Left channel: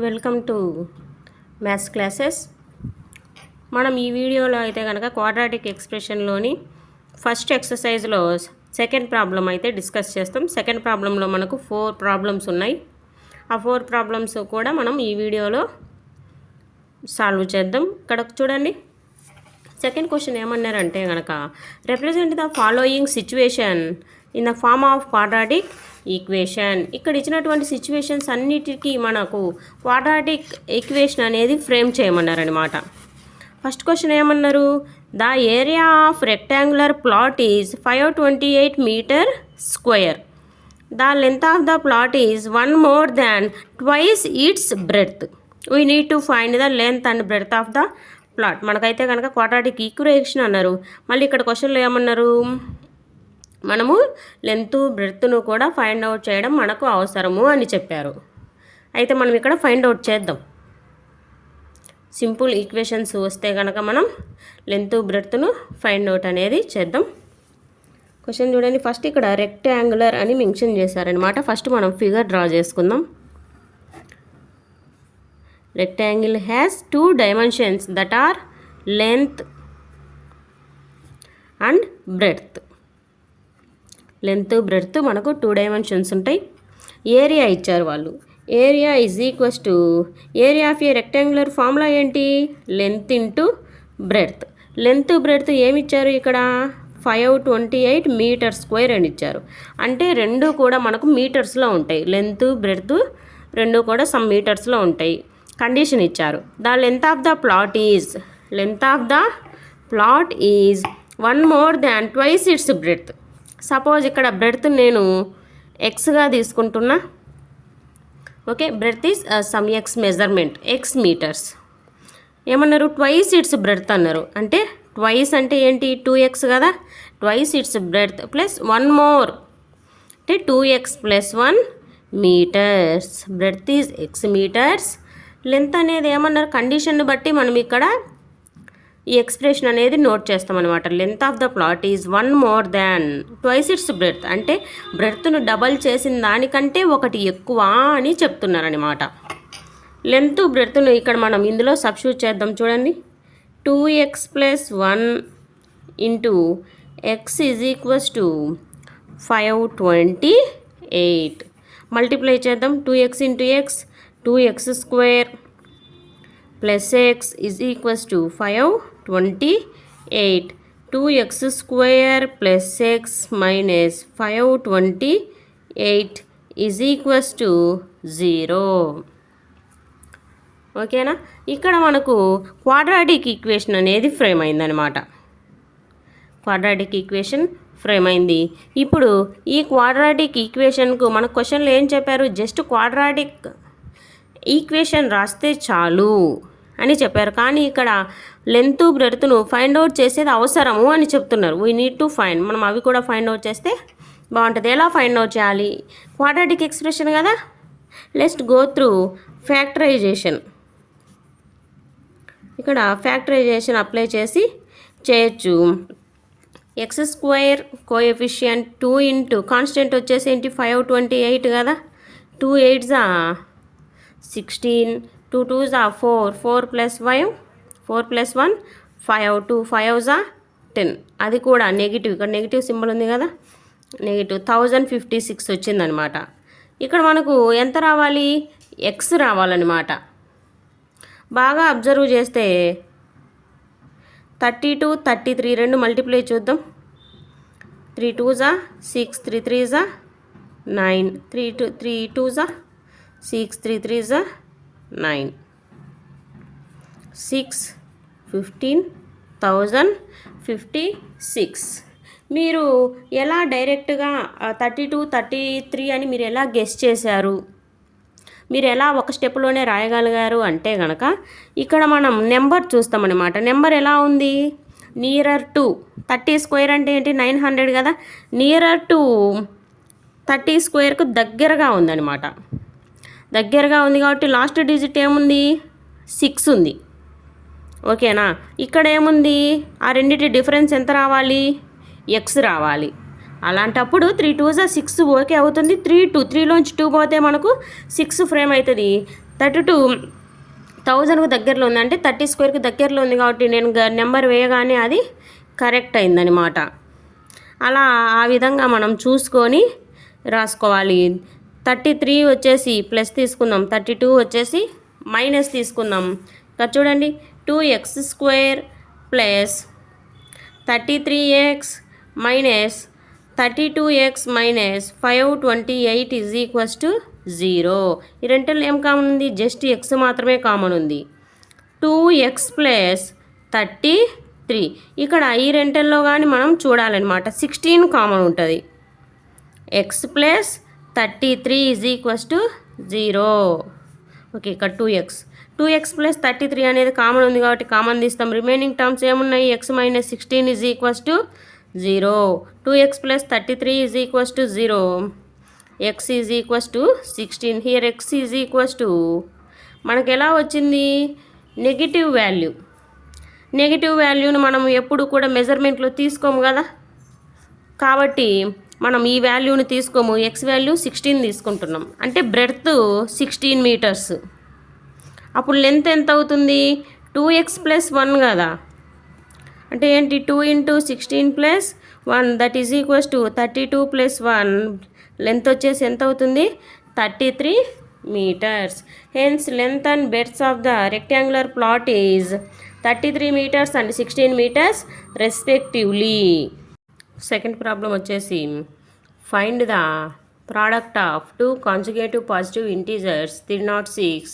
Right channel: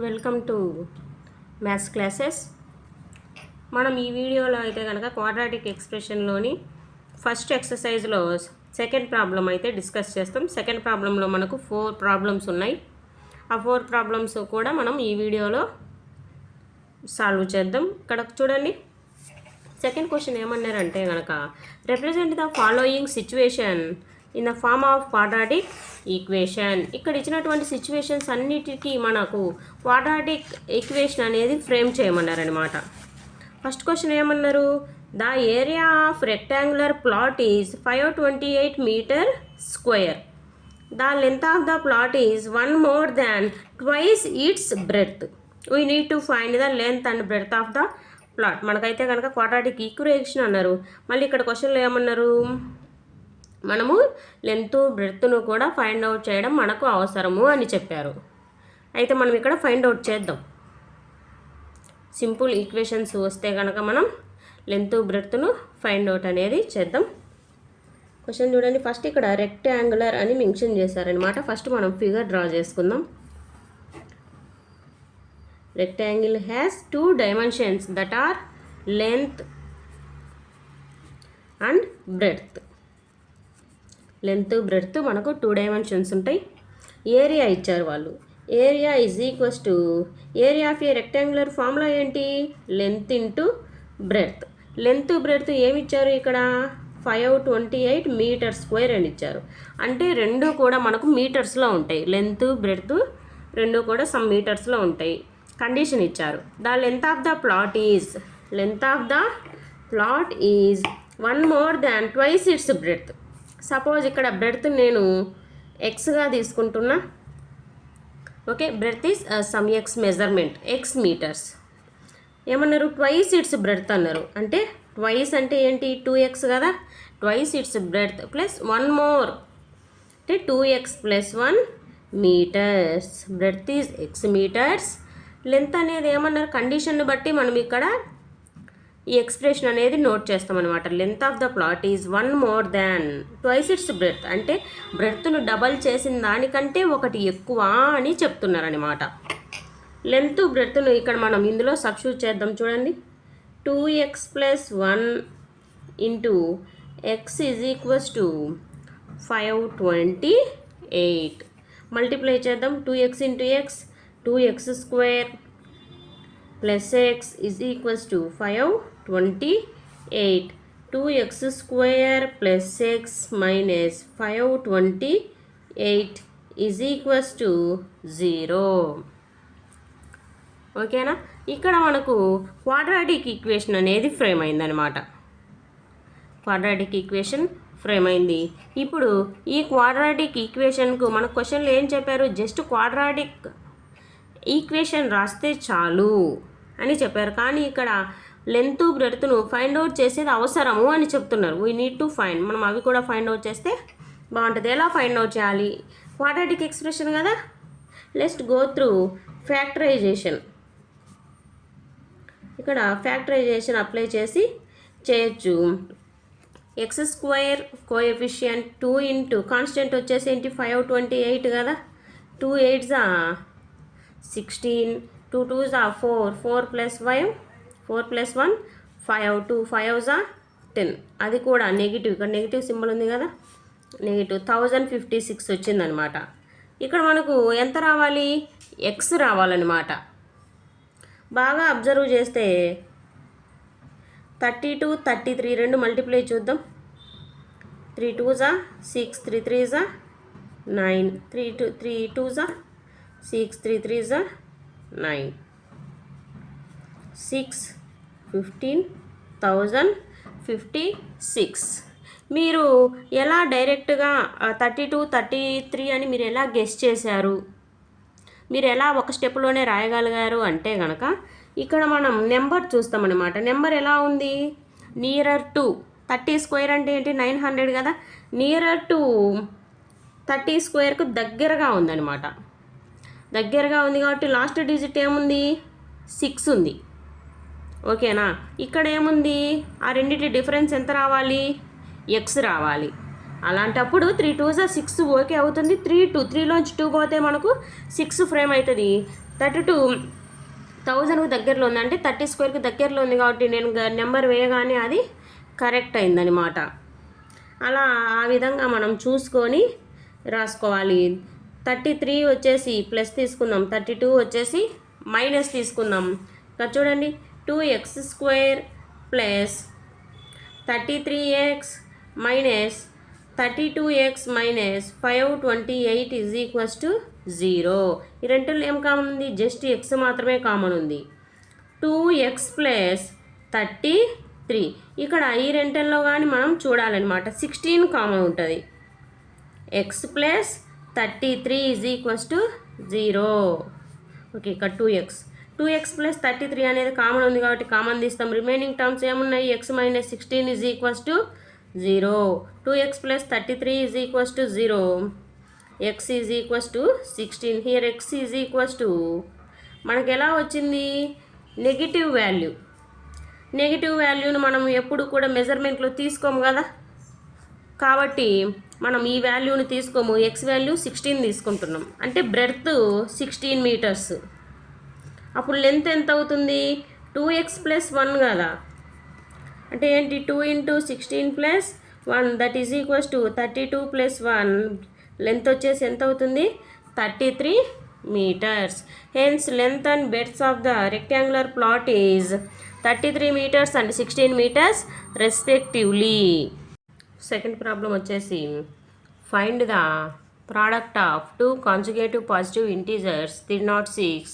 Welcome to maths classes. మనం ఈ వీడియోలో అయితే కనుక క్వాడ్రాటిక్ ఎక్స్ప్రెషన్లోని ఫస్ట్ ఎక్సర్సైజ్లో సెకండ్ ప్రాబ్లం అయితే డిస్కస్ చేస్తాం. సెకండ్ ప్రాబ్లంలో మనకు 4 ప్రాబ్లమ్స్ ఉన్నాయి. ఆ 4 ప్రాబ్లమ్స్ కూడా మనం ఈ వీడియోలో సాల్వ్ చేద్దాం. ఇక్కడ చూడండి, సెకండ్ క్వశ్చన్ ఏమన్నారంటే కనుక represent the following situation in the form of quadratic equation. ఇక్కడ ఇచ్చినటువంటి సిచ్యువేషన్స్ అన్నిటికీ మనకు క్వాడ్రాటిక్ ఈక్వేషన్ అనేది ఫ్రేమ్ చేయమన్నారనమాట. ఫస్ట్ క్వశ్చన్ ఏమన్నారు, the area of rectangular plot is 528 metre square. The length of the plot is 1 more than twice its breadth. We need to find the length and breadth of the plot. మనకైతే కనుక quadratic equation అన్నారు. మళ్ళీ ఇక్కడ క్వశ్చన్లో ఏమన్నారు, మనము length బ్రెడ్త్ను కూడా find out చేయడం మనకు అవసరము అని చెప్పారు. అయితే మనం ఇక్కడ ఫైండ్ అవుట్ చేద్దాం. సింపుల్ ఈక్వేషన్స్ వస్తే కనుక మనం లెంత్ బ్రెడ్త్ను ఫైండ్ అవుట్ అనేది చేద్దాం. క్వశ్చన్ చూడండి, ఫస్ట్ ఇక్కడ రెక్టాంగులర్ అని మెన్షన్ చేశారనమాట. ఫస్ట్ మనం ఫిగర్ డ్రా చేసుకుందాం. Rectangle has 2 dimensions that are length and breadth. Length breadth మనకు 2 dimensions ఉంటాయి. ఏరియా ఇచ్చారు వాళ్ళు. Area is equals to area of a rectangular formula ఏంటి, length into breadth. Length breadth ఏమి ఇచ్చారు ఇక్కడ, 528 మీటర్ స్క్వేర్ అని ఇచ్చారు. అంటే రెండు కూడా మనకు మీటర్స్లో ఉంటాయి. లెంత్ బ్రెడ్త్ రెండు కూడా సమ్ మీటర్స్లో ఉంటాయి. కండిషన్ ఇచ్చారు, the length of the plot is 1 more than twice its breadth. Suppose ఇక్కడ బ్రెడ్త్ నేను ఎక్స్గా తీసుకుంటున్నా. Okay, breadth is some x measurement, x metres. ఏమన్నారు, ట్వైస్ ఇట్స్ బ్రెడ్త్ అన్నారు. అంటే ట్వైస్ అంటే ఏంటి, 2x కదా. Twice its breadth plus 1 more అంటే 2x + 1 metres. Breadth is x metres. Length అనేది ఏమన్నారు, కండిషన్ని బట్టి మనం ఇక్కడ ఈ ఎక్స్ప్రెషన్ అనేది నోట్ చేస్తామన్నమాట. Length of the plot is 1 more than twice its breadth. అంటే బ్రెడ్త్ను డబల్ చేసిన దానికంటే ఒకటి ఎక్కువ అని చెప్తున్నారనమాట. లెంత్ బ్రెడ్త్ను ఇక్కడ మనం ఇందులో సబ్స్టిట్యూట్ చేద్దాం. చూడండి, 2x + 1 into x is equals to 528. Multiply చేద్దాం. 2x into x 2x square plus x is equals to 528. 2x square plus x minus 528 is equals to 0. ఓకేనా. ఇక్కడ మనకు క్వాడ్రాటిక్ ఈక్వేషన్ అనేది ఫ్రేమ్ అయిందనమాట. క్వాడ్రాటిక్ ఈక్వేషన్ ఫ్రేమ్ అయింది. ఇప్పుడు ఈ quadratic ఈక్వేషన్కు మన క్వశ్చన్లో ఏం చెప్పారు, జస్ట్ క్వాడ్రాటిక్ ఈక్వేషన్ రాస్తే చాలు అని చెప్పారు. కానీ ఇక్కడ లెంత్ బ్రెడ్త్ను ఫైండ్ అవుట్ చేసేది అవసరము అని చెప్తున్నారు. We need to find. మనం అవి కూడా ఫైండ్ అవుట్ చేస్తే బాగుంటుంది. ఎలా ఫైండ్ అవుట్ చేయాలి, క్వాడ్రాటిక్ ఎక్స్ప్రెషన్ కదా. Let's go through factorisation. ఇక్కడ ఫ్యాక్టరైజేషన్ అప్లై చేసి చేయొచ్చు. X square coefficient 2 into constant వచ్చేసి ఏంటి 528 కదా. 2 8s 16, 2 2s 4, 4 + 5, 4 + 1 5, 2 5s 10. అది కూడా నెగిటివ్, ఇక్కడ నెగిటివ్ సింబల్ ఉంది కదా, నెగిటివ్ 1056 వచ్చిందనమాట. ఇక్కడ మనకు ఎంత రావాలి, ఎక్స్ రావాలన్నమాట. బాగా అబ్జర్వ్ చేస్తే 32, 33 రెండు మల్టిప్లై చూద్దాం. 3 2s 6, 3 3s 9, 3 2s 6, 3 3s 9, 6 15 1056. మీరు ఎలా డైరెక్ట్గా 32 33 అని మీరు ఎలా గెస్ చేశారు, మీరు ఎలా ఒక స్టెప్లోనే రాయగలిగారు అంటే కనుక ఇక్కడ మనం నెంబర్ చూస్తామన్నమాట. నెంబర్ ఎలా ఉంది, నియరర్ టు 30 స్క్వేర్ అంటే ఏంటి 900 కదా. నియరర్ టు 30 స్క్వేర్కు దగ్గరగా ఉందన్నమాట. దగ్గరగా ఉంది కాబట్టి లాస్ట్ డిజిట్ ఏముంది, 6 ఉంది. ఓకేనా. ఇక్కడ ఏముంది, ఆ రెండింటి డిఫరెన్స్ ఎంత రావాలి, ఎక్స్ రావాలి. అలాంటప్పుడు 3 2s 6 ఓకే అవుతుంది. 3 2 3లోంచి 2 పోతే మనకు 6 ఫ్రేమ్ అవుతుంది. 1000కు దగ్గరలో ఉంది, అంటే 30 స్క్వేర్కి దగ్గరలో ఉంది కాబట్టి నేను నెంబర్ వేయగానే అది కరెక్ట్ అయిందనమాట. అలా ఆ విధంగా మనం చూసుకొని రాసుకోవాలి. 33 వచ్చేసి ప్లస్ తీసుకుందాం, 32 వచ్చేసి మైనస్ తీసుకుందాం. ఇక్కడ చూడండి, 2x² plus 33x minus 32x minus 528 is equals to 0. ఈ రెంటిలో ఏం కామన్ ఉంది? జస్ట్ x మాత్రమే కామన్ ఉంది. 2x ప్లస్ 33, ఇక్కడ ఈ రెంటిల్లో కానీ మనం చూడాలన్నమాట. 16 కామన్ ఉంటుంది. x plus 33 is equals to 0. Okay, ఇక్కడ 2x ప్లస్ 33 అనేది కామన్ ఉంది కాబట్టి కామన్ తీస్తాం. రిమైనింగ్ టర్మ్స్ ఏమున్నాయి? x minus 16 is equals to 0. 2x plus 33 is equals to 0. x is equals to 16. Here x is equals to మనకు ఎలా వచ్చింది? Negative value. Negative వాల్యూను మనం ఎప్పుడు కూడా మెజర్మెంట్లో తీసుకోము కదా, కాబట్టి మనం ఈ వాల్యూని తీసుకోము. x వాల్యూ 16 తీసుకుంటున్నాం, అంటే బ్రెడ్త్ 16 మీటర్స్. అప్పుడు లెంత్ ఎంత అవుతుంది? 2x ప్లస్ 1 కదా, అంటే ఏంటి? 2 × 16 plus 1 that is equals to 32 plus 1. Length వచ్చేసి ఎంత అవుతుంది? 33 meters. Hence length and breadth of the rectangular plot is 33 meters and 16 meters respectively. Second problem వచ్చేసి find the product of two consecutive positive integers 306.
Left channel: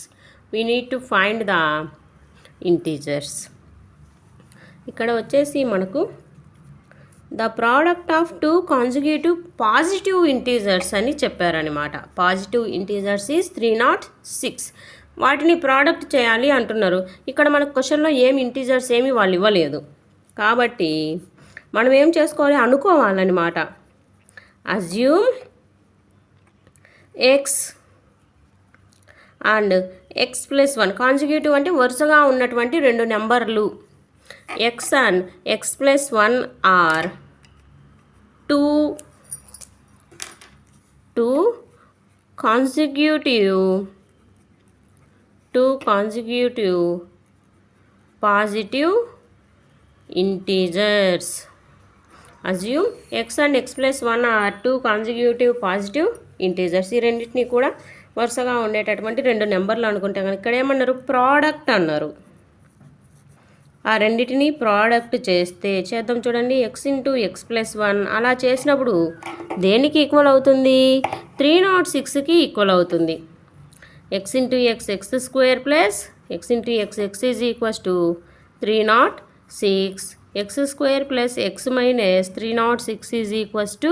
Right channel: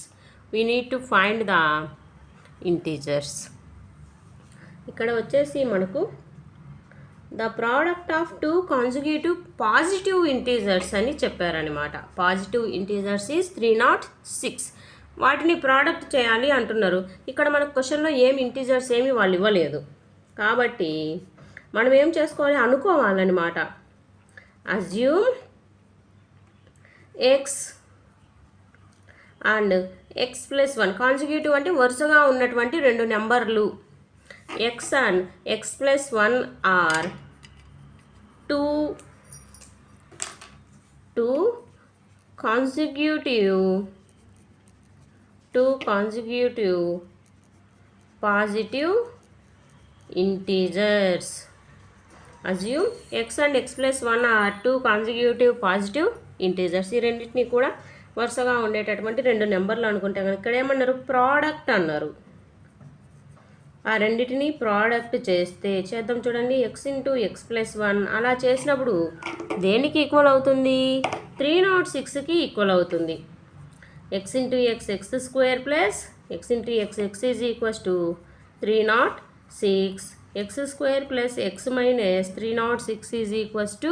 We need to find the integers. ఇక్కడ వచ్చేసి మనకు the product of two consecutive positive integers అని చెప్పారనమాట. Positive integers is 306. వాటిని product చేయాలి అంటున్నారు. ఇక్కడ మనకు క్వశ్చన్లో ఏమి ఇంటీజర్స్ ఏమి వాళ్ళు ఇవ్వలేదు కాబట్టి మనం ఏం చేసుకోవాలి? అనుకోవాలన్నమాట. Assume x and x plus 1 consecutive అంటే వరుసగా ఉన్నటువంటి రెండు నెంబర్లు. x and x plus 1 are two consecutive positive integers. Assume x and x plus 1 are two consecutive positive integers. ఈ రెండింటిని కూడా వరుసగా ఉండేటటువంటి రెండు నెంబర్లు అనుకుంటే కనుక ఇక్కడ ఏమన్నారు? ప్రోడక్ట్ అన్నారు. ఆ రెండింటిని ప్రోడక్ట్ చేద్దాం చూడండి. x × x ప్లస్ 1 అలా చేసినప్పుడు దేనికి ఈక్వల్ అవుతుంది? 306కి ఈక్వల్ అవుతుంది. x × x x² plus x × x is equals to 306. x² plus x minus 306 is equals to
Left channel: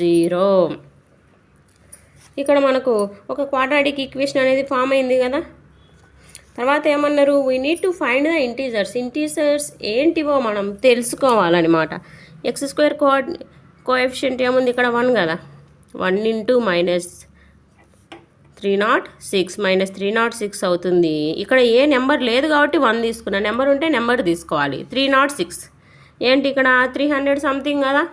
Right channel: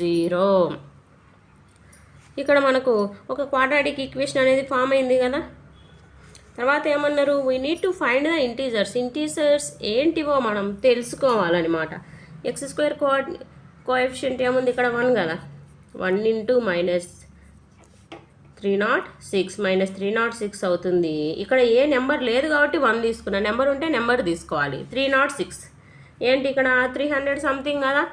0. ఇక్కడ మనకు ఒక క్వాడ్రాటిక్ ఈక్వేషన్ అనేది ఫామ్ అయింది కదా. తర్వాత ఏమన్నారు? We need to find the integers. Integers ఏంటివో మనం తెలుసుకోవాలన్నమాట. x² కోఎఫిషియంట్ ఏముంది? ఇక్కడ 1 కదా. 1 × మైనస్ 306 మైనస్ 306 అవుతుంది. ఇక్కడ ఏ నెంబర్ లేదు కాబట్టి 1 తీసుకున్నా. నెంబర్ ఉంటే నెంబర్ తీసుకోవాలి. 306 ఏంటి? ఇక్కడ 300 సంథింగ్ కదా.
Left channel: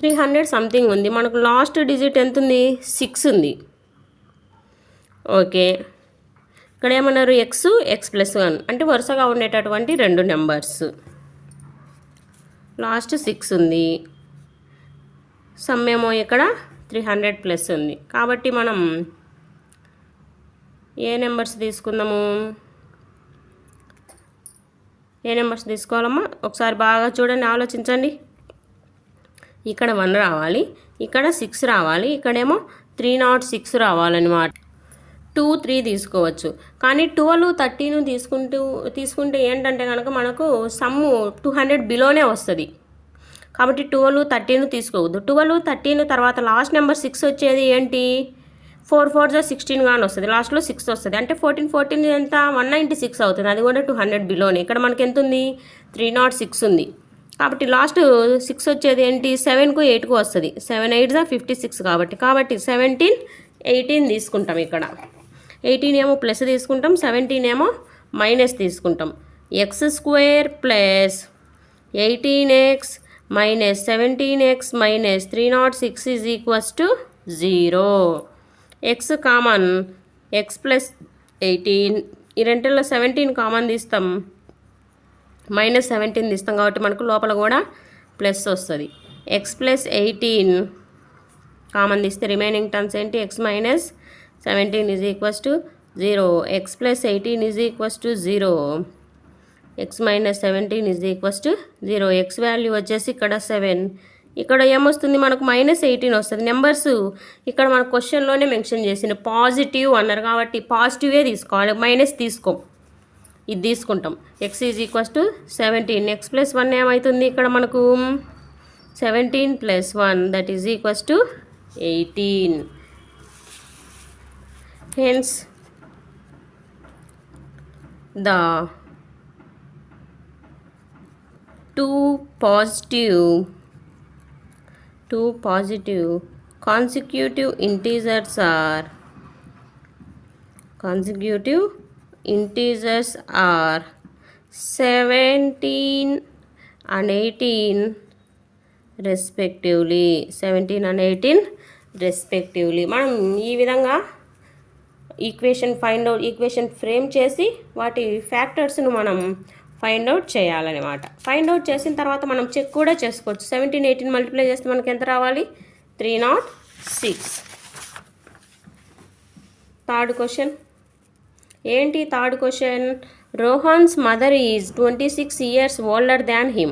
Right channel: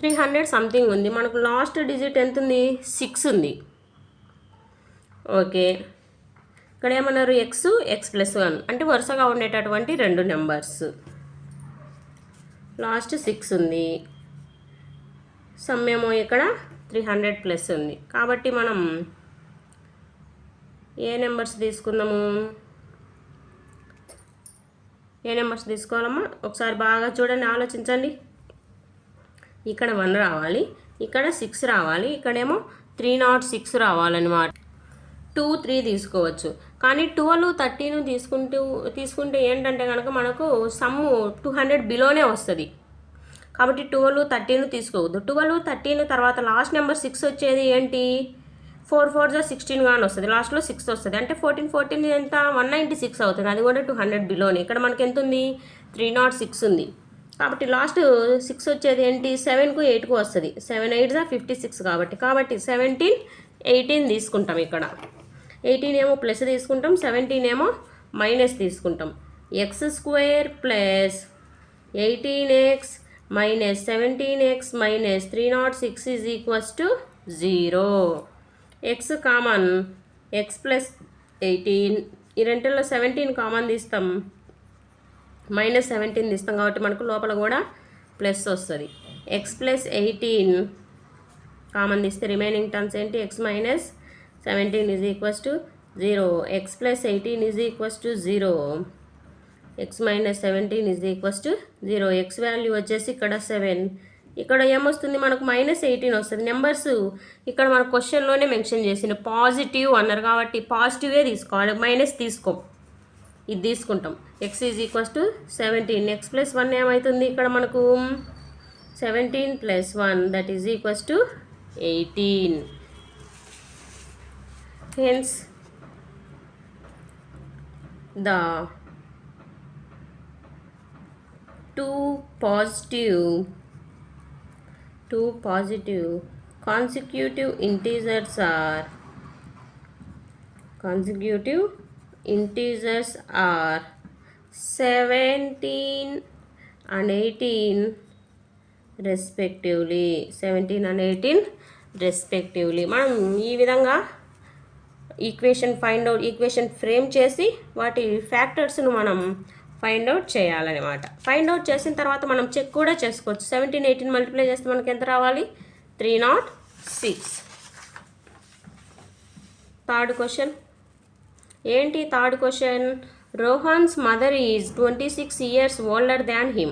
300 సంథింగ్ ఉంది. మనకు లాస్ట్ డిజిట్ ఎంత ఉంది? 6 ఉంది. ఓకే, ఇక్కడ ఏమన్నారు? x ప్లస్ 1 అంటే వరుసగా ఉండేటటువంటి రెండు నెంబర్స్. లాస్ట్ 6 ఉంది. సమ్ ఏమో ఇక్కడ 300 ప్లస్ ఉంది. కాబట్టి మనం ఏ నెంబర్స్ తీసుకుందాము? ఏ నెంబర్స్ తీసుకోవాలమ్మా? ఒకసారి బాగా చూడండి, ఆలోచించండి. ఇక్కడ 1 రావాలి, ఇక్కడ 6 రావాలి, ఇక్కడేమో 306 రావాలన్నమాట. 2, 3 తీసుకోవచ్చు. కానీ 12, 13 తీసుకుంటే ఏంటంటే కనుక మనకు సమ్ము 200 బిలోనే వస్తుంది. కాబట్టి 12, 13 తీసుకోవద్దు. 12, 13 తర్వాత లాస్ట్ నెంబర్ 6 వచ్చేది ఏంటి? 4 4 16 కానీ వస్తుంది. లాస్ట్లో 6 వస్తుంది. అంటే 14 14 ఎంత? 196 అవుతుంది. అది కూడా 200 బిలోనే. ఇక్కడ మనకి ఎంత ఉంది? 306 ఉంది. కాబట్టి లాస్ట్ 6 వచ్చేది ఏంటి? 7కు 8కు వస్తుంది. 7 8 56 కాబట్టి 17 18 తీసుకుంటాం. ఇక్కడ 18 ఏమో ప్లస్ తీసుకుంటాం, 17 ఏమో మైనస్ తీసుకుంటాం. x² plus 18x minus 17x minus 306 is equals to 0. x common X plus 18, ఈ రెంటిల్లో 17 కామన్ తీస్తాం, -17 తీస్తాం కాబట్టి మనకు లోపల కూడా ప్లస్ వస్తుంది. ఎక్స్ ప్లస్ 18 కామన్ తీస్తే రిమైనింగ్ టర్మ్స్ ఏంటి, X minus 17 is equals to 0. X plus 18 is equals to 0. X minus 17 is equals to 0. X value వచ్చేసి ఇక్కడ 7. ఇక్కడ ఏమొస్తుంది మనకు -18 వస్తుంది. నెంబర్స్ ఇక్కడ మన క్వశ్చన్లోనే మెన్షన్ చేసిన పాజిటివ్ అన్నారు కాబట్టి పాజిటివే తీసుకోవాలి, మైనస్ తీసుకోం, ఇది తీసుకుంటాం. X is equals to 17. X plus 1 ఏమవుతుంది ఇక్కడ మనకు 17 + 1 that is equals to 18. Hence the two positive consecutive integers are 17 and 18 respectively. 17 and 18 respectively. మనం ఈ విధంగా ఈక్వేషన్ ఫ్రేమ్ చేసి వాటి ఫ్యాక్టర్స్ను మనం ఫైండ్ అవుట్ చేయాలన్నమాట. ఫైండ్ అవుట్ చేసిన తర్వాత మనం చెక్ కూడా చేసుకోవచ్చు. 17, 18 మల్టిప్లై చేస్తే మనకి ఎంత రావాలి, 306. థర్డ్ క్వశ్చన్ ఏంటి? Third question, Rohan's mother is 26 years older than him.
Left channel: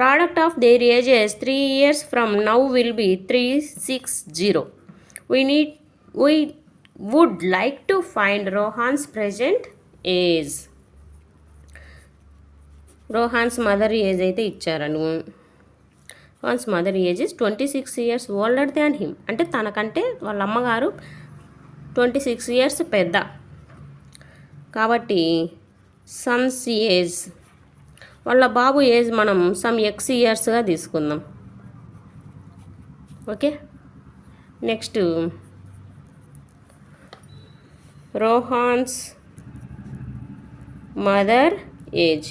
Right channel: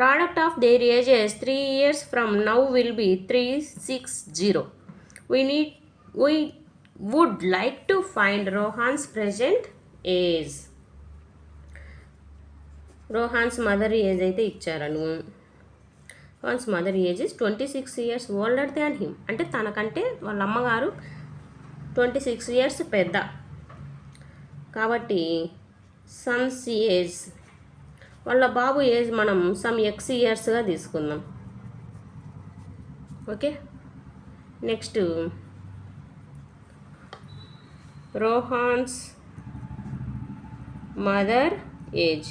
Product of their ages 3 years from now will be 360. We would like to find Rohan's present age. Rohan's mother age అయితే ఇచ్చారను. Rohan's mother age is 26 years older than him, అంటే తనకంటే వాళ్ళ అమ్మగారు 26 years పెద్ద కాబట్టి son's age, వాళ్ళ బాబు ఏజ్ మనం సమ్ ఎక్స్ ఇయర్స్గా తీసుకుందాం. Okay, next Rohan's mother age.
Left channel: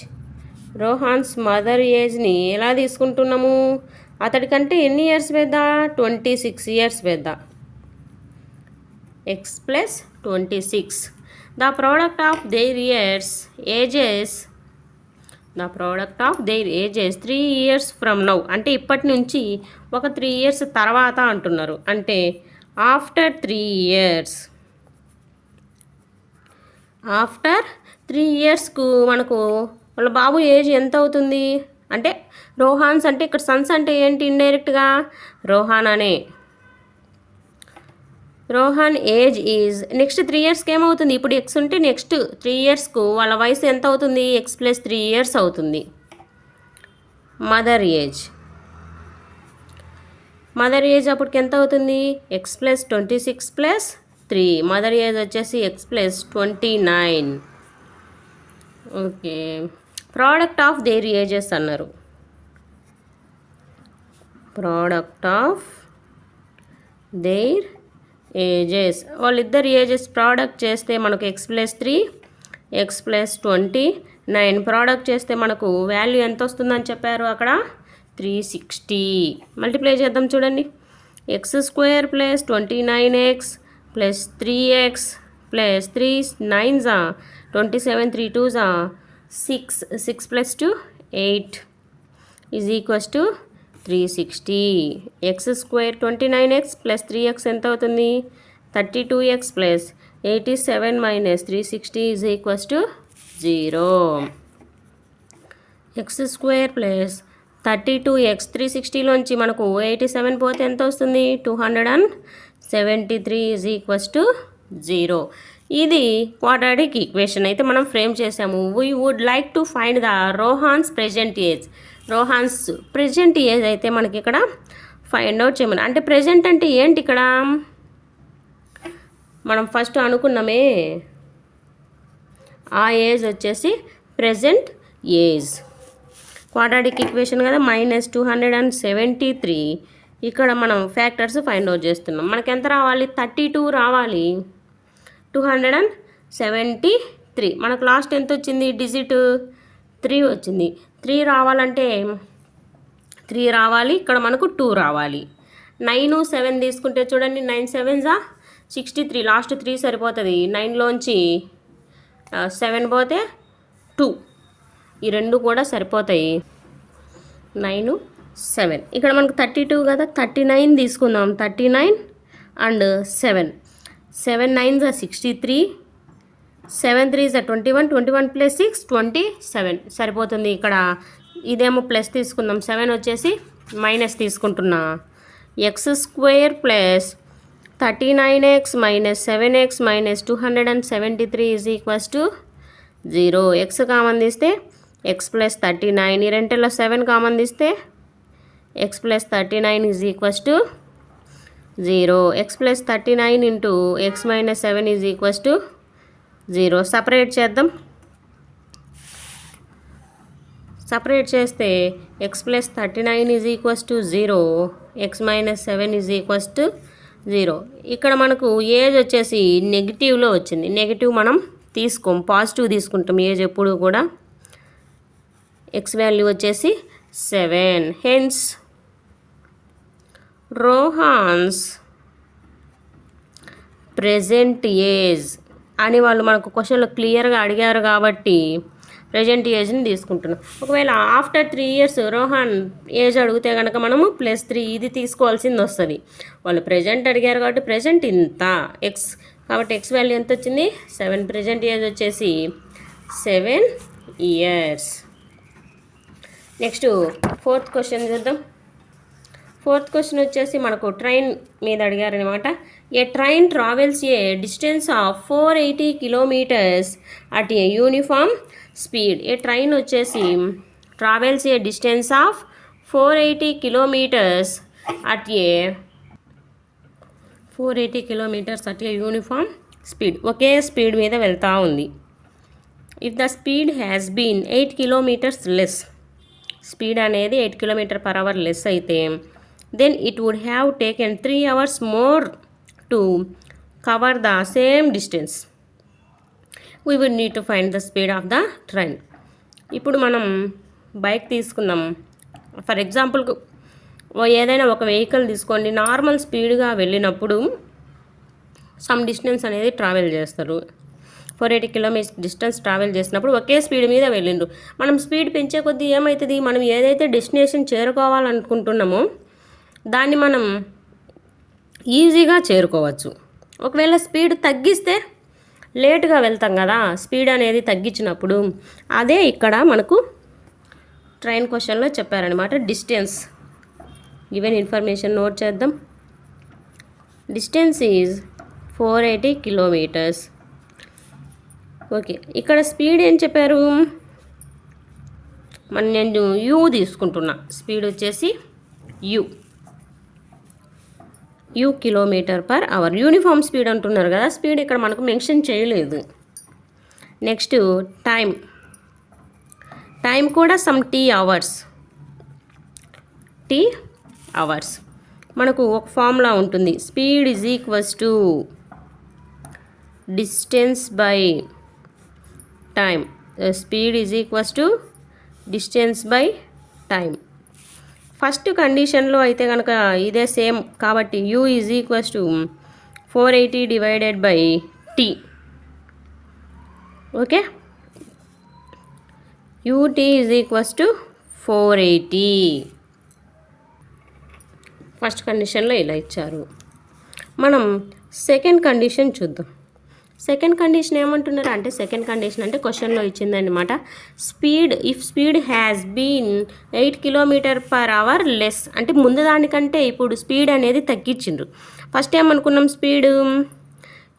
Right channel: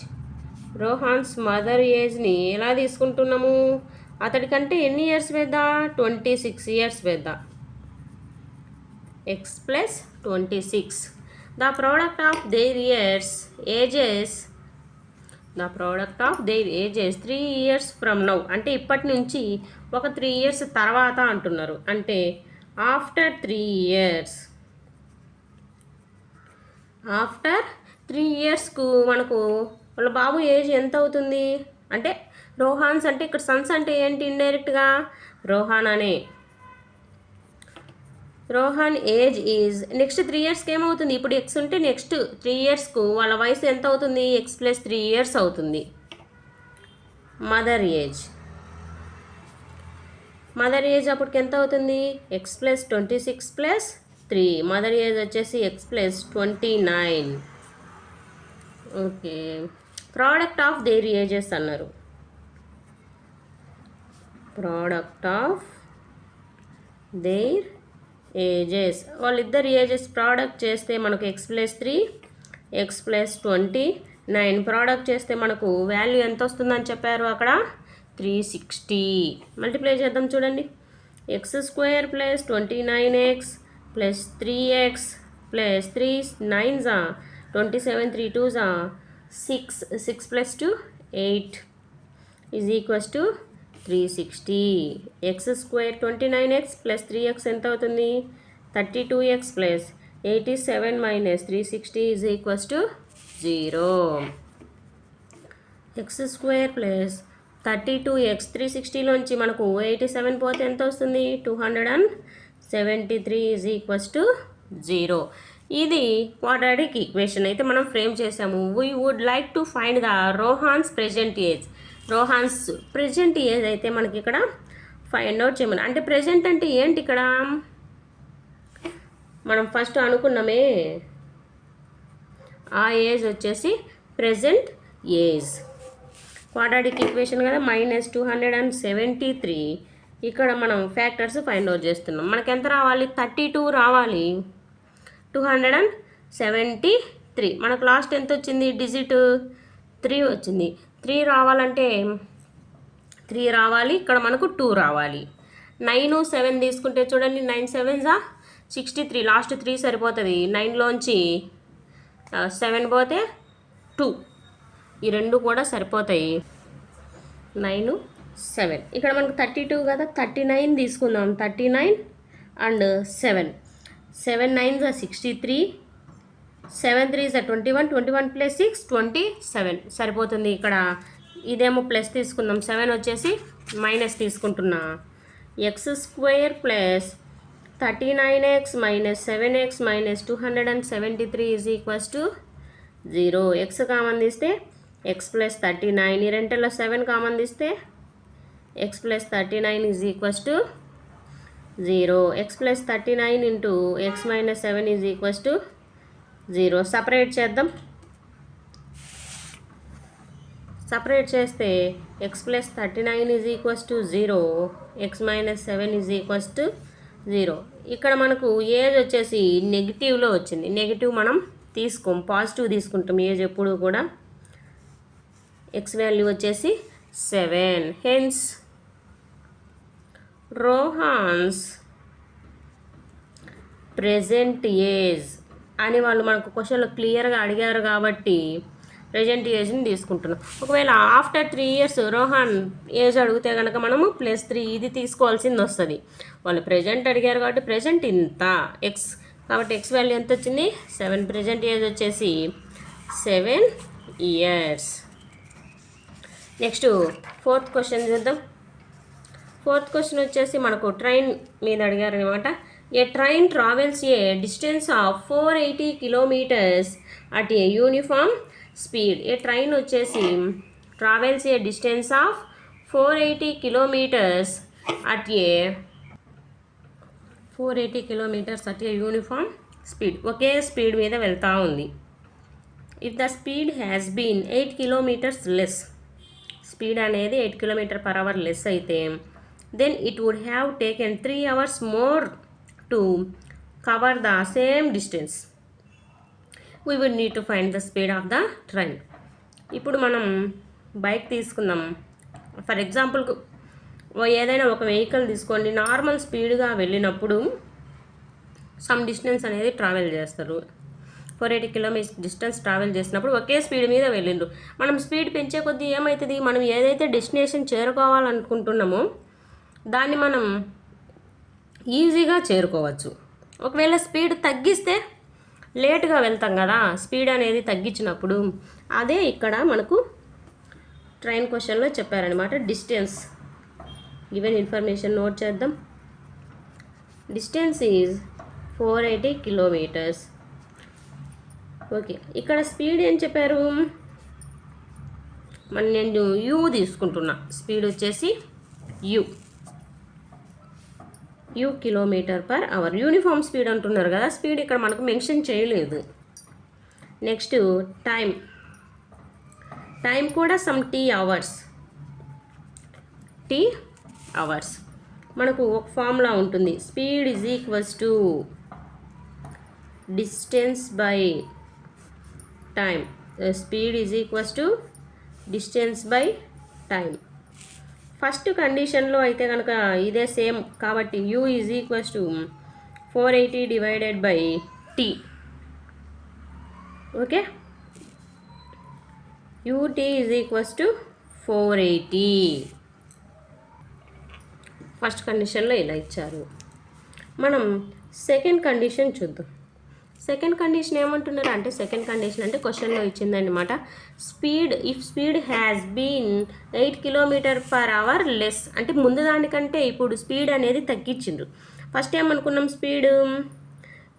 Rohan's mother ఏజ్ని ఎలా తీసుకుంటున్నాము, అతడికంటే ఎన్ని ఇయర్స్ పెద్ద, 26 years పెద్ద. X plus 26. The product of their ages 3 years from now, అంటే ఇప్పటి నుంచి ఒక 3 years తర్వాత అంటున్నారు, అంటే ఆఫ్టర్ 3 years. ఆఫ్టర్ 3 yearsకు మనకు వాళ్ళ బాబు ఏజ్ ఎంత అవుతుంది అంటే, రోహాన్స్ అంటే ఇక్కడ సన్స్ అంటే ఏంటి, ఇండైరెక్ట్గా రోహాన్ అనే. రోహాన్ ఏజ్ ఈజ్ నెక్స్ట్ 3 yearsకి ఏమవుతుంది, ఇప్పుడు ఎక్స్ ఉంటే నెక్స్ట్ 3 yearsకు వాళ్ళ వయసు ఎంత అవుతుంది, ఎక్స్ ప్లస్ 3 years అవుతుంది. మదర్ ఏజ్ అప్పటికి ఎంత అవుతుంది, ఎక్స్ ప్లస్ 26 + 3. మదర్ ఏజ్ వచ్చేసి X plus 29. Okay, product of their ages అన్నారు. ప్రోడక్ట్ ఆఫ్ దేర్ ఏజెస్, వాళ్ళిద్దరు ఏజెస్ ప్రోడక్ట్ చేస్తే మనకు X plus 3, X plus 29. Product చేస్తే మనకు వాల్యూ ఎంత వస్తుందని చెప్పారు అక్కడ, 360. మల్టిప్లై చేద్దాం చూడండి. X square plus 29x plus 3x plus 3 9s 27, 3 2s 6, 6 + 2 8 is equals to 360. X square 29x plus 3x ఎంత అవుతుంది, 32x plus 87 - 360 is equals to 0. X square plus 32x 360లోంచి మనకు 87 పోతే ఎంత వస్తుంది, 273 ఈజ్ ఈక్వల్స్ టు 0. ఇది క్వాడ్రాటిక్ ఈక్వేషన్ అయితే మనం frame చేసాము. We would like to find the Rohan's present age. Rohan's present age అయితే మనకి ఇక్కడ ఫైండ్ అవుట్ చేయమని, అంటే ప్రెజెంట్ అంటే ఏంటి, ఇక్కడ మనం ఫస్ట్ అనుకున్నామే ఆ ఏజ్ వచ్చేసి ప్రెజెంట్ ఏజ్. క్వాడ్రాటిక్ ఈక్వేషన్ కదా, -273. ఇక్కడ మనం ఫ్యాక్టర్స్ ఫైండ్ అవుట్ చేస్తున్నాం. మనకి ఎంత రావాలి, 32 రావాలి, 273. మనకు లాస్ట్ ఎంత వచ్చింది, డిజిట్ 3 వచ్చింది. 3 రావాలంటే 3 రావాలి, ఇక్కడ మనకు 2 రావాలి. 9 7 తీసుకుంటే చూడండి, 9 7s 63 లాస్ట్ 3 సరిపోతుంది. 9లోంచి 7 పోతే 2, ఈ రెండు కూడా సరిపోతాయి. 9, 7. ఇక్కడ మనకు 32 కదా, 39 తీసుకుందాం. 39 and 7. 7 9s are 63, 7 3s are 21, 21 + 6 27 సరిపోతుంది. ఇక్కడ ఇదేమో ప్లస్ తీసుకుందాం, 7 వచ్చేసి మైనస్ తీసుకుంటున్నా. x² + 39x - 7x - 273 = 0. x common తీస్తే x + 39, ఈ రెంటిలో 7 కామన్ తీస్తే x + 39 = 0. x + 39 × x - 7 = 0. సపరేట్ చేద్దాం. సపరేట్ చేస్తే x + 39 = 0, x - 7 = 0. ఇక్కడ మనకు ఏజ్ వచ్చేసి నెగిటివ్లో వచ్చింది. నెగిటివ్ మనం తీసుకోం, పాజిటివ్ తీసుకుంటాం ఏజ్ ఎప్పుడు కూడా. x వాల్యూ వచ్చేసి 7. హెన్స్ రోహాన్స్ ప్రెజెంట్ ఏజ్ అని వాళ్ళు మనకు క్వశ్చన్లో క్లియర్గా అడిగారు కాబట్టి ప్రెజెంట్ ఏజ్ని తీసుకుంటున్నాం. ఒకవేళ ఆఫ్టర్ 3 years రోహన్ ఏజ్ అడిగితే కనుక మనము +3 ఇది తీసుకోవాల్సింది వస్తుంది. వాళ్ళు ప్రెజెంట్ అడిగారు కాబట్టి ప్రెజెంట్ ఇంత ఎక్స్, కాబట్టి ఎక్స్ వాల్యూ ఎంత వచ్చింది 7. ప్రెజెంట్ ఏజ్ వచ్చేసి 7 years. నెక్స్ట్ 4th క్వశ్చన్ చూద్దాం. 4th క్వశ్చన్ వచ్చేసి మనకు ట్రైన్ మీద అడిగారనమాట. A train travels a distance of 480 kilometers at a uniform speed. A train వచ్చేసి travels a distance of 480 kilometers at a 480 kilometers at a uniform speed. ఒకే speed మీద వెళ్తూ ఉంది. If the speed has been 8 kilometers less, speed అనేది 8 km/h less అయితే then it would have taken 3 hours more to cover the same distance. We would need to find the speed of the train. ఇప్పుడు మనం bike తీసుకుందాం. For ఎగ్జాంపుల్కు ఏదైనా ఒక vehicle తీసుకోండి, normal స్పీడ్గా వెళ్ళినప్పుడు సమ్ డిస్టెన్స్ అనేది ట్రావెల్ చేస్తారు. 480 kilometers డిస్టెన్స్ ట్రావెల్ చేసినప్పుడు ఒకే స్పీడ్ మీద వెళ్ళిండ్రు. మనం స్పీడ్ పెంచే కొద్దీ ఏమవుతుంది, మనం ఏదైతే డెస్టినేషన్ చేరుకోవాలనుకుంటున్నామో దాన్ని మనం ఈజీగా చేరుకోవచ్చు. ఒకవేళ స్పీడ్ తగ్గిస్తే లేట్గా వెళ్తాం కదా, స్పీడ్ అనేది తగ్గించినప్పుడు. అదే ఇక్కడ మనకు ట్రైన్ క్వశ్చన్లో చెప్పారనమాట. డిస్టెన్స్ గివెన్ ఇన్ఫర్మేషన్ నోట్ చేద్దాం. Distance is 480 kilometers. ఓకే, ఇక్కడ స్పీడ్ ఏం చెప్పారు, నేను యూ తీసుకుంటున్నా. స్పీడ్ వచ్చేసి యూ km/h. యూనిఫామ్ స్పీడ్ అంటున్నారు కదా, స్పీడ్ ఇక్కడ మనకు మెన్షన్ చేయలేదు. నెక్స్ట్ టైం కూడా సమ్ టీ అవర్స్. మనకు ఒక ఫార్ములా ఉంటుంది, speed is equals to distance by time. Speed is equals to distance by time. First కండిషన్లో అయితే కనుక ఇదే సేమ్ కాబట్టి u is equals to 480 divided by t. Okay, u t is equals to 480. First కండిషన్లో ఇలా ఇచ్చారు. మనం సెకండ్ కండిషన్ చూద్దాం. సెకండ్ కండిషన్ ఏమంటున్నారు అంటే, సెకండ్ కండిషన్ అంటే క్వశ్చన్లో ఇచ్చిందనమాట. If speed has been 8 km/h less, అంటే ముందు దానికంటే ఇప్పుడు స్పీడ్ అనేది తగ్గించిండ్రు. ఫస్ట్ ఏమనుకున్నాం, స్పీడ్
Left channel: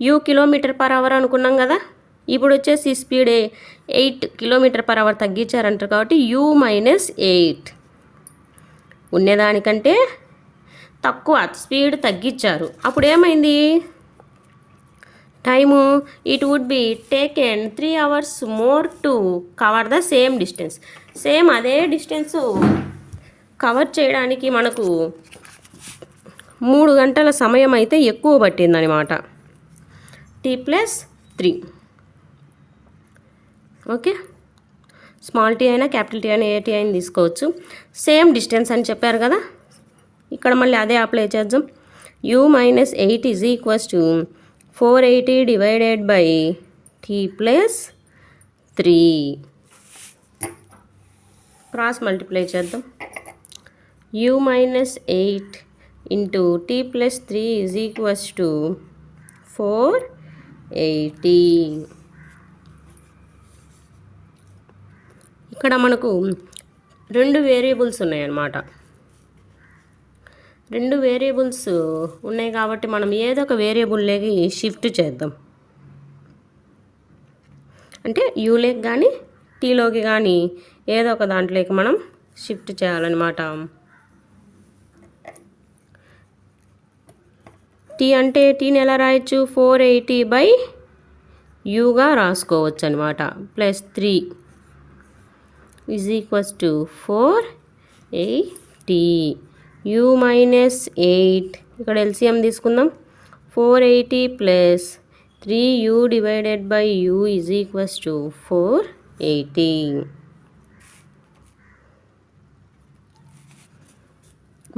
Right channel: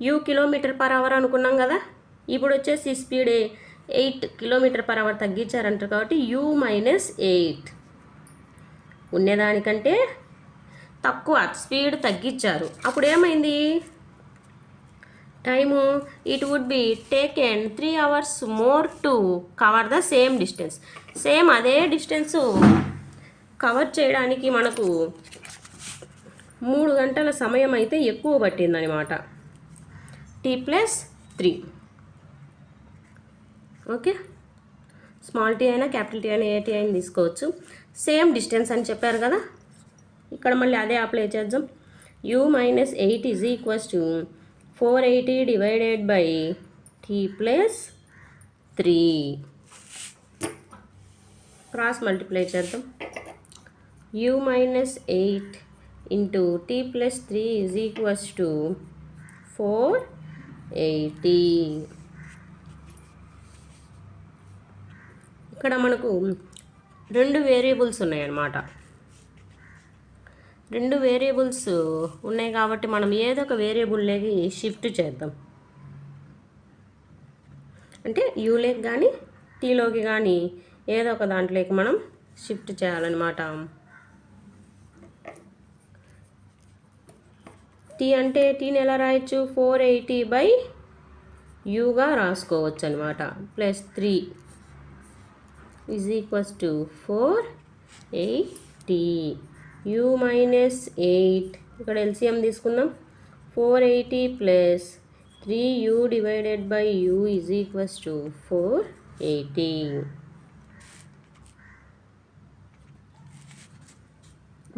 యూ km/h అనుకున్నాం కదా, ఇప్పుడు వచ్చేసి స్పీడ్ 8 km/h తగ్గించారంటారు కాబట్టి యూ -8. ఉండేదానికంటే తక్కువ స్పీడ్ తగ్గించారు. అప్పుడు ఏమైంది time, it would be taken 3 hours more to cover the same distance. Same అదే డిస్టెన్స్ కవర్ చేయడానికి మనకు 3 గంటల సమయం అయితే ఎక్కువ పట్టిందనమాట. T+3. ఓకే, స్మాల్ టీ అయినా క్యాపిటల్ టీ అయినా ఏ టీ అయినా తీసుకోవచ్చు. సేమ్ డిస్టెన్స్ అని చెప్పారు కదా, ఇక్కడ మళ్ళీ అదే అప్లై చేద్దాం. You -8 is equals to 480 divided by t plus 3. Cross multiply చేద్దాం. u minus 8 into t plus 3 is equals to 480. ఇక్కడ మనకు రెండు వేరియబుల్స్ ఉన్నాయన్నమాట. రెండు వేరియబుల్స్ ఉన్నాయి కాబట్టి మనం ఏదో ఒక వేరియబుల్లోకి షిఫ్ట్ చేద్దాం. అంటే యూలోకి కానీ టీలోకి కానీ ఏదో ఒక దాంట్లోకి మనం షిఫ్ట్ చేయాలన్నమాట. టీ అంటే టీని ఎలా రాయొచ్చు? 480 బై యూగా రాసుకోవచ్చు అనమాట. Plus 3 is equals to 480. u minus 8 ఇక్కడ ఎల్సిఎం తీసుకుందాం. 480 plus 3u divided by u is equals to 480.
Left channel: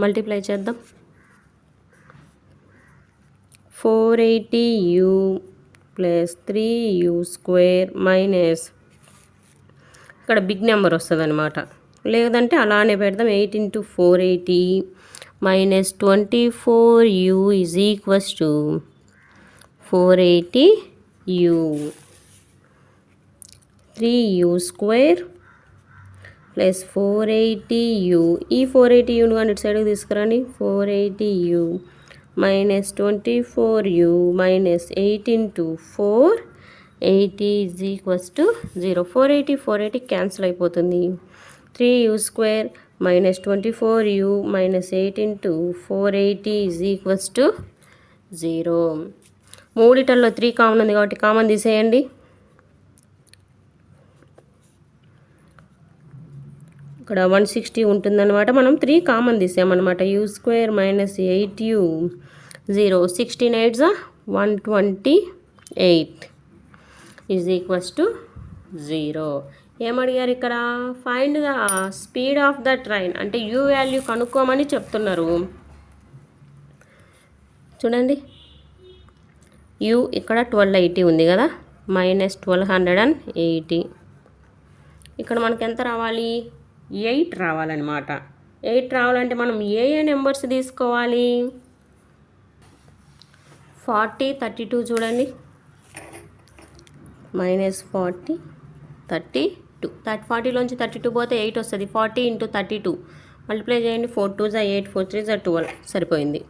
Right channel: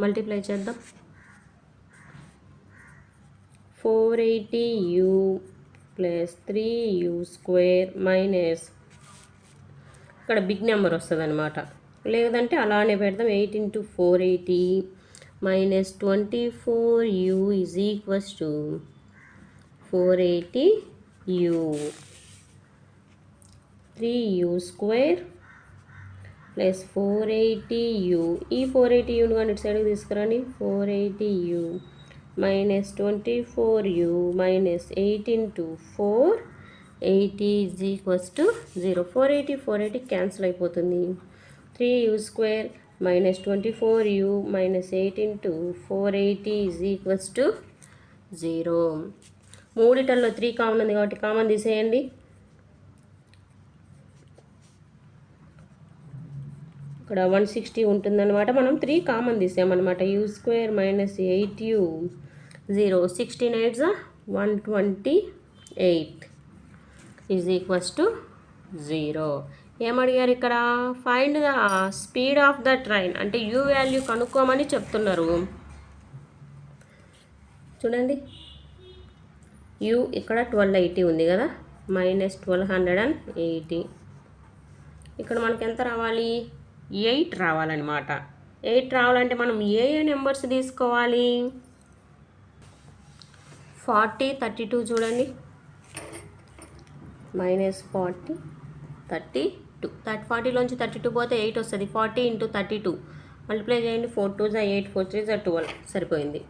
Multiply చేద్దాం. 480u plus 3u square minus ఇక్కడ బిగ్ నెంబర్ వస్తుంది అనమాట. లేదంటే అలానే పెడదాం. 8 into 480 minus 24u is equals to 480u. 3u square plus 480u. ఈ 480uను కానీ ఇటు సైడ్కి తీసుకురండి. 480u minus 24u minus 8 into 480 is equals to 0. 480 cancel అయిపోతుంది. 3u square minus 24u minus 8 into 480 is equals to 0. మూడిటల్లో 3 కామన్ ఉంది కాబట్టి కామన్ తీసేయండి. ఇక్కడ 160 ఉంటుందన్నమాట. మనం 3 కామన్ తీసామన్నమాట. u square minus 8u 0. 16 8s 128 is equals to 0. ఏమడిగారు ఇక్కడ? Find the speed of the train అంటే u వాల్యూ కనుక్కోమని చెప్తున్నారు. చూడండి, u ఇక్కడ 1280 ఉంది కదా, మైనస్ 1280. ఇక్కడ మనకి ఎంత రావాలి? 8 రావాలన్నమాట. 8 రావాలంటే మనం ఏ నెంబర్స్ తీసుకోవాలి? 40 32 చూడండి. మైనస్ 40 32. 40లోంచి 32 పోతే 8 వస్తుంది. 40 into 32 మల్టిప్లై చేయండి. 4 2s 8 4 3s 12 సరిపోయింది.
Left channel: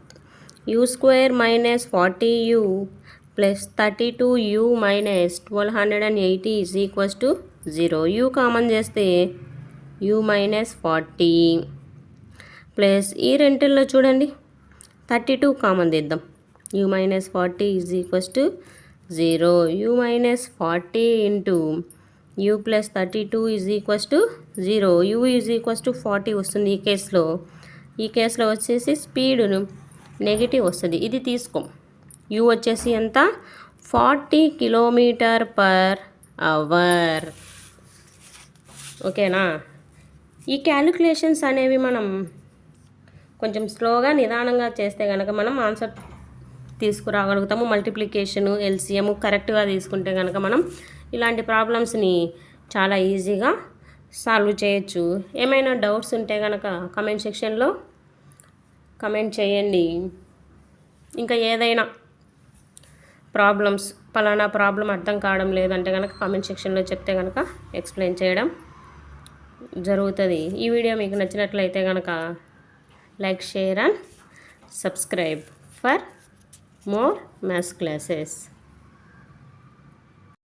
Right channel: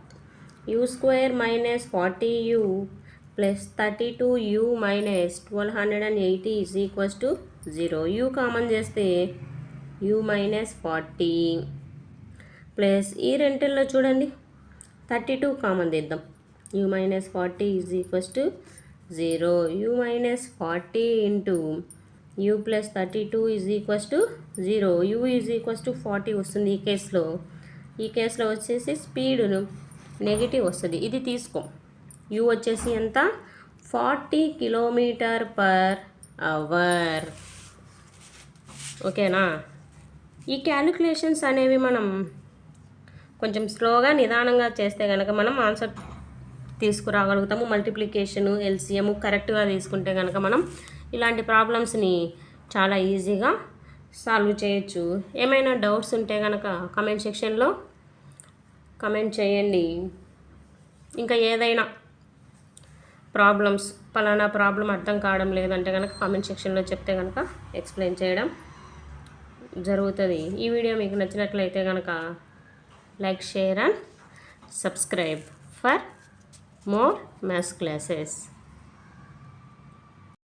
u square minus 40u plus 32u minus 1280 is equals to 0. u common చేస్తే u మైనస్ 40 ప్లస్ ఈ రెంటిల్లో చూడండి 32 కామన్ తీద్దాం. u minus 40 is equals to 0. u minus 40 into u plus 32 is equals to 0. u is equals to 40 వస్తుంది ఈ కేసులో వచ్చేసి స్పీడును negative వస్తుంది. ఇది తీసుకో. u వచ్చేసి ఎంత? 40 km/h. ఓకేనా? ఈ క్యాలిక్యులేషన్స్ అనేవి మనం కొంచెం స్లోగా నిదానంగా చేస్తే కనుక మనం ఆన్సర్ తీసుకురాగలుగుతాము. మల్టిప్లికేషను ఎల్సిఎం కరెక్ట్గా తీసుకుంటే కనుక మనం ఇలాంటి ప్రాబ్లమ్స్ని చాలా ఈజీగా సాల్వ్ చేయొచ్చు. ఏమైనా డౌట్స్ ఉంటే కనుక కమెంట్ సెక్షన్లో కమెంట్ చేయండి. ఇంకా ఏదైనా ప్రాబ్లమ్స్, పలానా ప్రాబ్లం అర్థం కావడం లేదంటే కనుక కామెంట్ సెక్షన్లో చెప్తే కనుక ఎక్స్ప్లెయిన్ చేయడం జరుగుతుంది. ఈ వీడియో మీకు నచ్చినట్లయితే కనుక like, share and subscribe for more maths classes.